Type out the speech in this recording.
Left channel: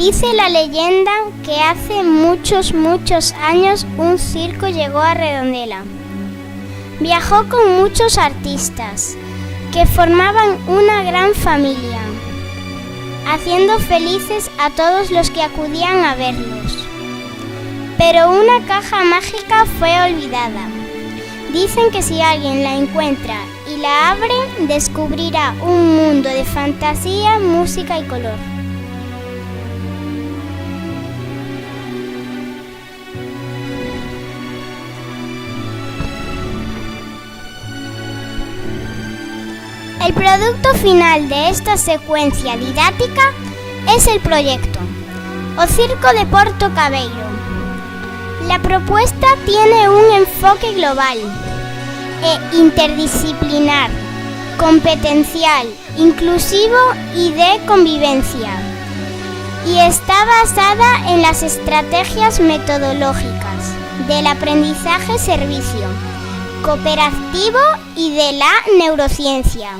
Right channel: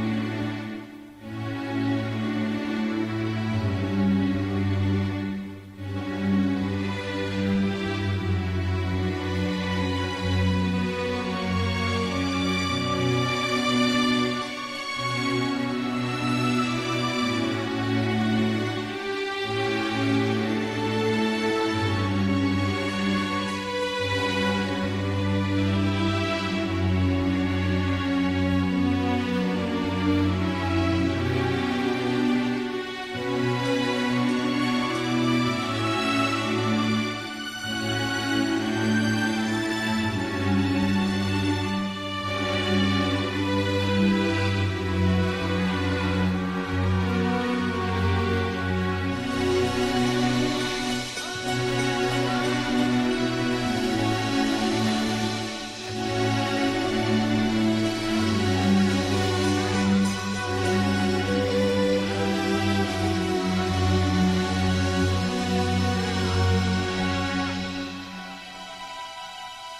Dice la leyenda que hace muchos años un circo llegó a Redondela. Viajó con muchos artistas que formaban una gran familia, haciendo felices a todos los que acudían a verlos. Pero una caja mágica fue olvidada. Dicen que si alguien la encuentra y la abre, descubrirá un mundo de fantasía, música y color. El producto final de esta secuencia didáctica es el proyecto O Circo de Porto Cabeiro. La propuesta tiene un enfoque global e interdisciplinar, competencial, inclusivo y de convivencia, y está basada en las estrategias metodológicas del aprendizaje-servicio, cooperativo y de la neurociencia.